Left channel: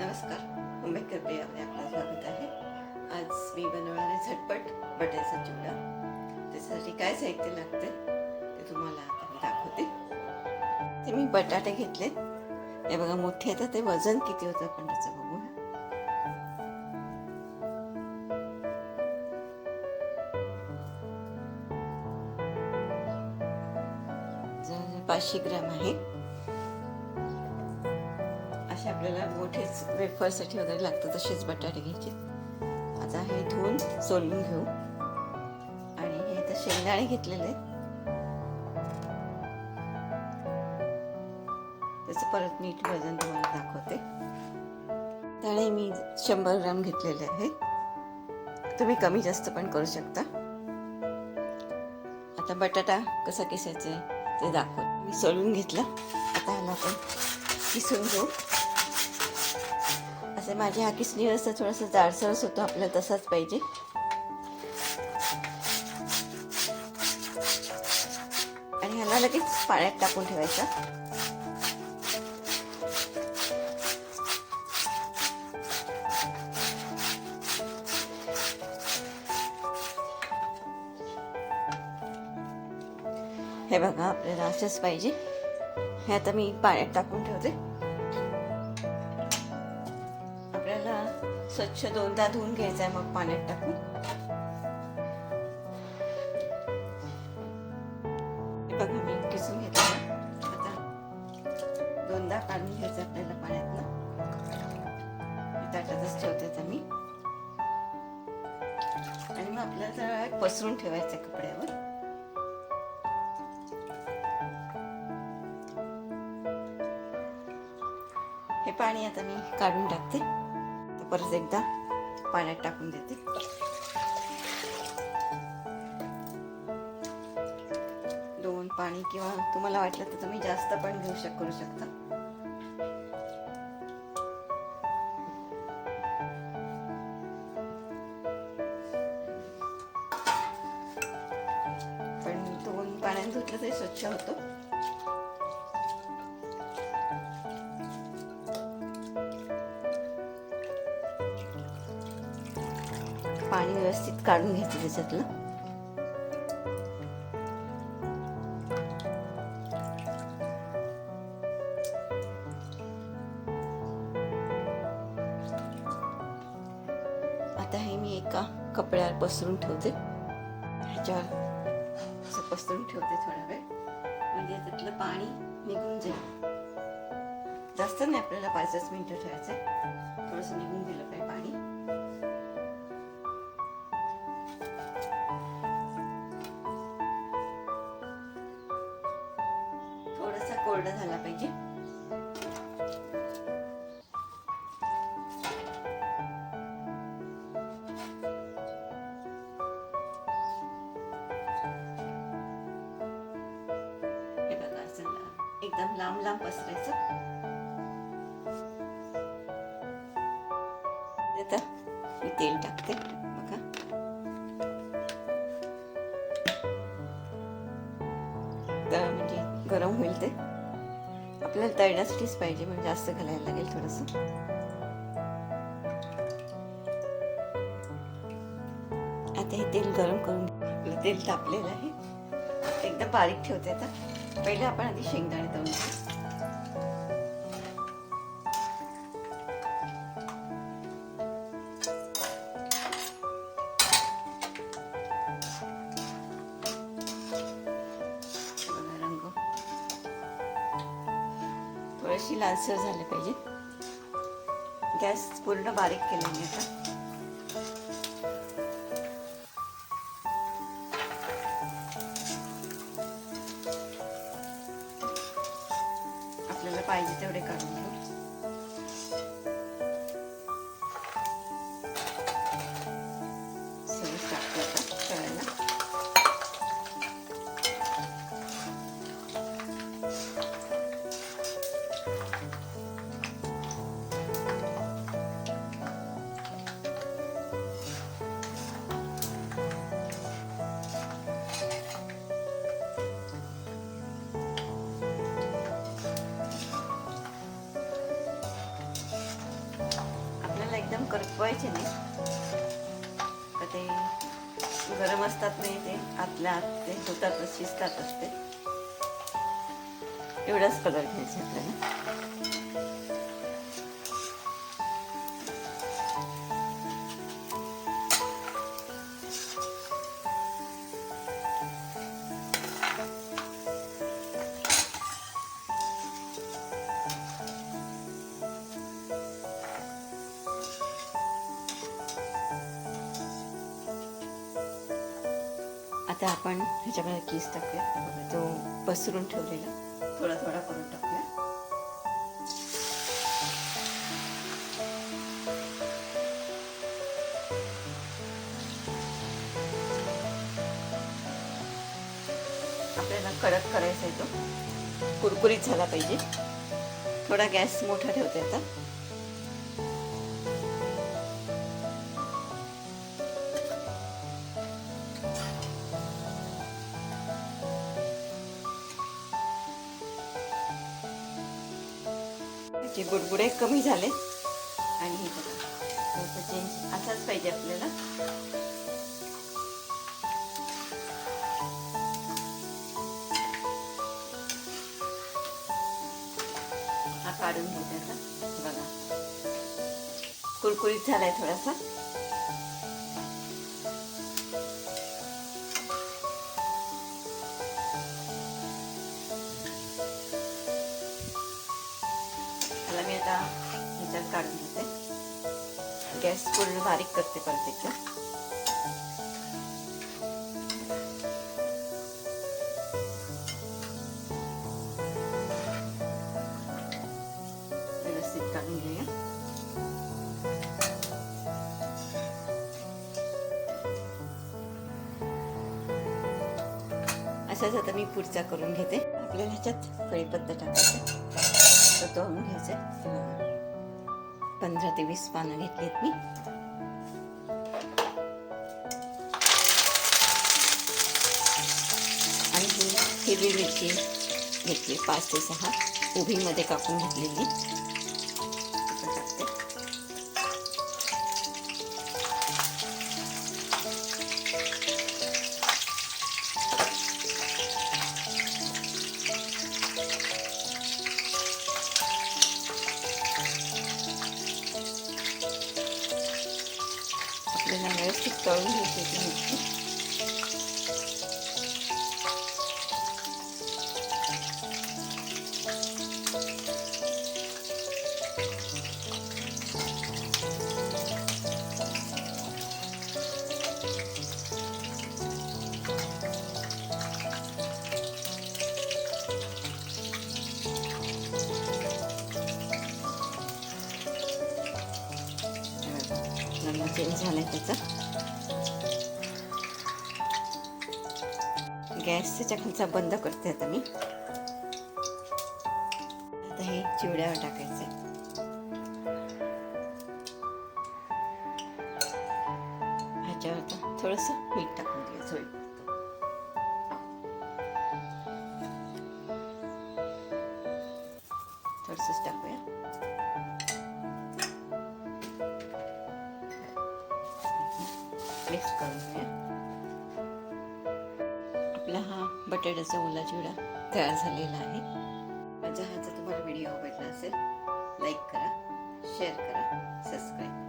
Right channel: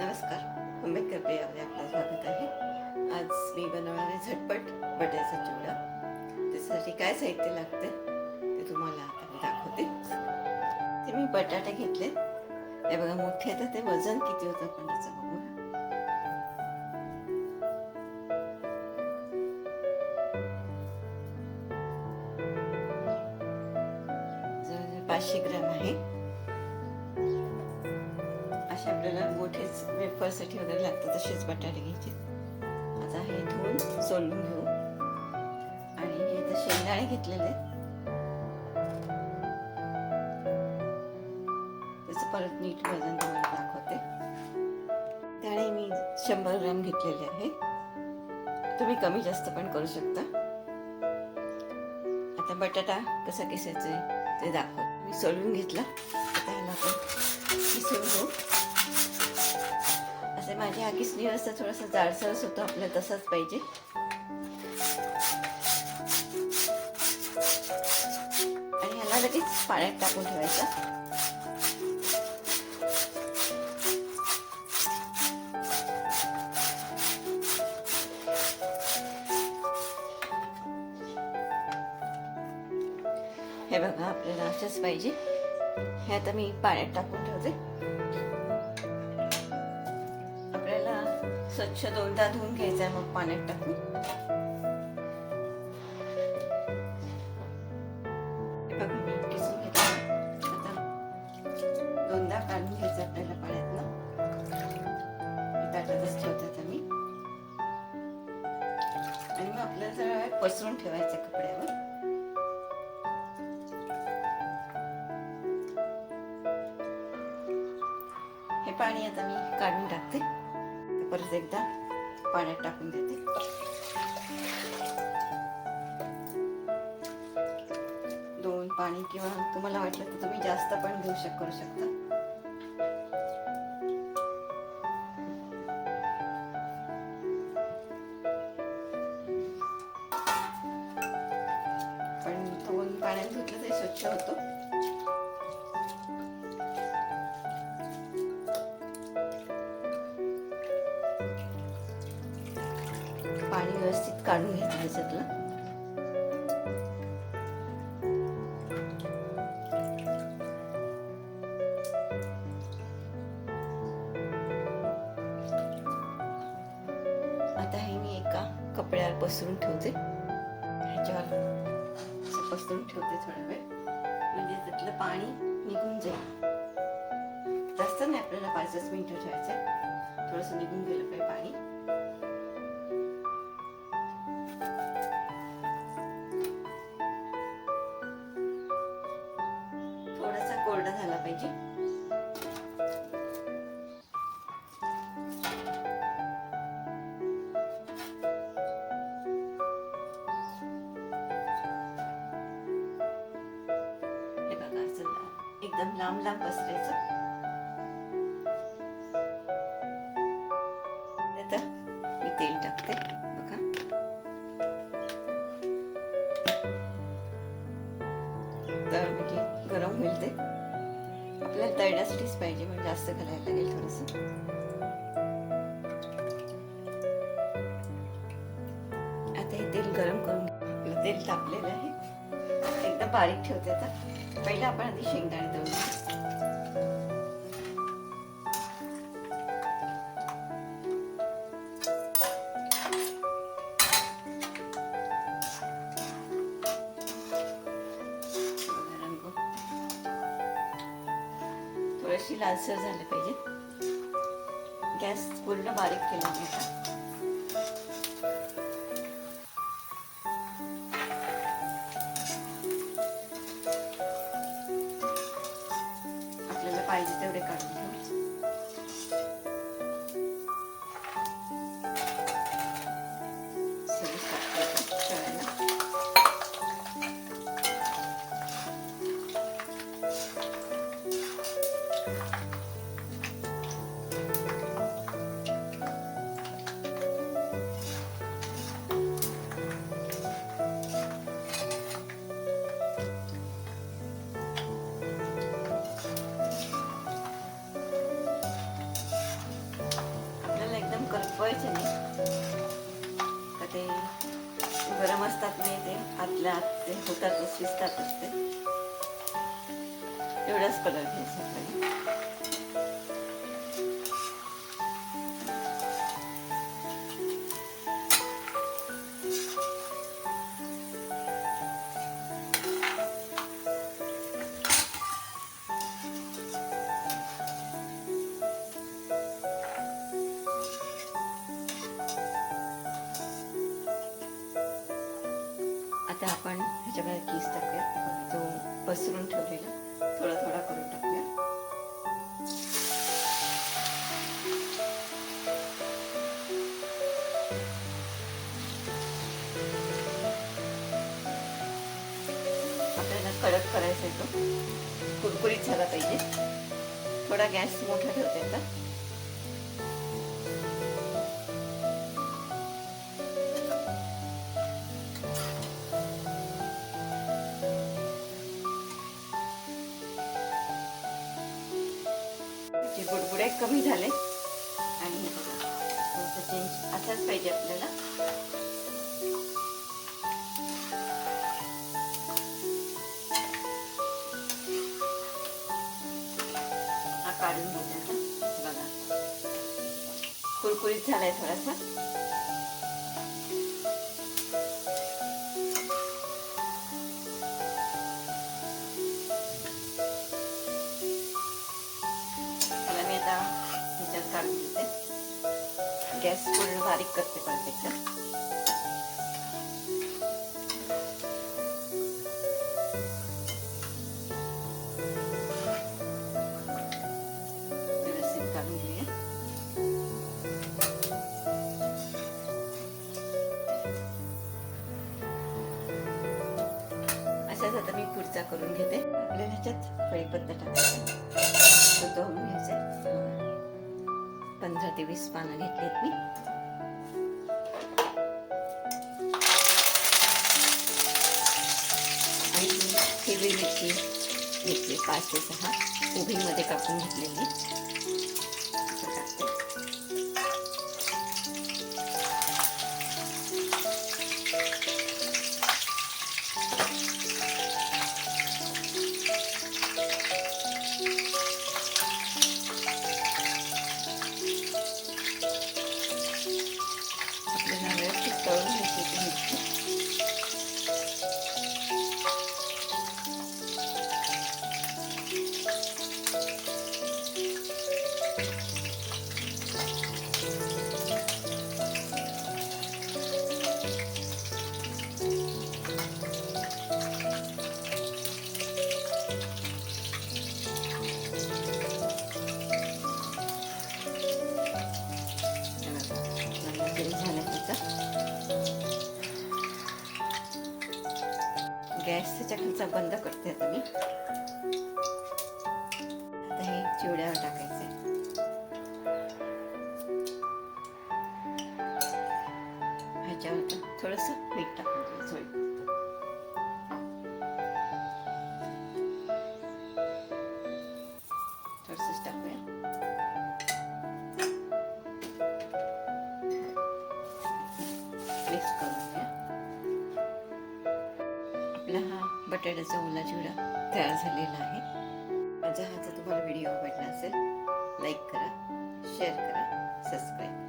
नमस्कार, आंबेडकर प्रियामध्ये आपलं स्वागत आहे. आज मी बनवणार आहे झटपट बटाट्याचा चिवडा. त्यासाठी काय साहित्य लागते ते तुम्हाला आता मी दाखवते. ते मी बटाटे घेतले, हे बघा मोठे आहेत. ते वजन किती होतं आपण त्याचं बघू. जवळजवळ 500 ग्रॅम आहे. असे आपल्याला मोठेच वेफरसाठी वगैरे लागतात तसेच बटाटे घ्यायचे. आता हे धुवून सोलून घेऊ. आणि हे तर शेंगदाणे घेतलेले आहेत, त्याचं परत नीट वजन तुम्हाला दाखवते. त्याने मी 100 ग्रॅम घेतलेले आहे. तुम्ही कमी जास्त पण करू शकता. आता बटाटा कसा किसायचा ते दाखवते. मी सोलून घेतला. आता ह्याला आपण किसून घेऊ. असे माझ्या हा किसणी असं थोडंसं जाडसरच होतो, आपल्याला तसाच पाहिजे. आणि ह्याला लगेच पाण्यात टाकून ठेवायचं. हे बघा आपल्याला असंच पाहिजे. हे आता मी पाण्यात टाकून ठेवते. आपल्याला स्वच्छ 2दा धुवून घ्यायचं आहे, मग पाण्यात टाकून. हे बघा मी किसून घेतलं. आता 2दा काढून घ्यायचं आपल्याला पाण्यातनं. ताटातच ठेवते आता मी. आणि मग आपल्याला जरा पसरून ठेवायचं कपड्यावर. हे पाणी आता मी काढून टाकते. तर परत एकदा पाण्यात टाकून देते. दोन पाणी किंवा तुम्हाला वाटलं तर तुम्ही जास्त पण करू शकता. पण 2 पाण्यात धुतलं तरी स्वच्छ होतो. पाणी व्यवस्थित काढून घ्यायचं त्याच्यातलं. आता हे मी एका कपड्यावर पसरून ठेवते. ह्याच्यावर पसरून ठेवते थोडा वेळ, म्हणजे त्यातलं पाणी निघून जाईल. जास्त नाही, आपल्याला 5-10 मिनिटं ठेवायचंय. थोडंसं निघून गेलं पाहिजे पाणी. थोडासा कोरडा झाला पाहिजे. हे बघा असं एकदम लांब लांब पसरायचं. आता मी तेल टाकते. बघा तर म्हणजे गरम होईल. ते आपल्याला तळण्यासाठीच पाहिजे, म्हणजे जास्त घालायला लागेल थोडंसं. आता हे तेल गरम करून आपलं तेल तापलेलं आहे. एकदम बारीक ठेवते. आता पहिले आपण आधी शेंगदाणे तळून घेऊ. थोडीशी लालसर झाली पाहिजे. गॅस पूर्ण बारीक केला मी आता. आपल्याला पाहिजे तेवढे काढून घेऊ. सगळं टाकतो तळायला. एकदम करपवायचे नाही, तर ते गरम असतात नाही, ते आतल्या आत ते होतातच, शिजतातच ते. एवढाच कलर घ्यायचा आपल्याला. आता आपण ह्याच्यामध्ये चीज टाकूया. तो पसरून ठेवलेला थोडा थोडा करून टाकूया. आपल्याला कडक करायचा आहे, तो कुरकुरीत झाला पाहिजे. थोडा गॅस मोठा ठेवता येतात. त्याचे बुडबुडे कमी झाले आणि हे बघा थोडंसं चेंज असाच पाहिजे आपल्याला. हा काढून घेते आता. बघा कुरकुरीत झालाय थोडासा. त्याला मी आता ह्याच्यात काढून घेते. गॅस पूर्ण बारीक करते परत त्याच्यात. व्यवस्थित काढून घेऊया. असाच आता मी पुढचा करून घेते. आपल्याला ह्याच्यात कढीपत्ता टाकायचा, तो घ्यायचा. 15 ते 20 पानं घेतलीत मी. आणि हिरवी मिरची घेतली 5 ते 6 उभीमध्ये कापून घेतलेली. टाकते. आपल्याला व्यवस्थित तळून घ्यायची मिरची. चेंज झालाय त्याचा. गॅस त्याच्या खालचा बंद करते आता मी. आता हे चिवड्यावर टाकायचे. ह्याच्यावर थोडस मीठ टाकून घ्यायचं. थोडंसंच टाकूया. मिक्स करून घ्या. आपला हा बटाट्याचा ओला चिवडा तयार झालेला आहे. माझा हा जर तुम्हाला व्हिडिओ आवडला असेल, लाईक करा, शेअर करा, सबस्क्राईब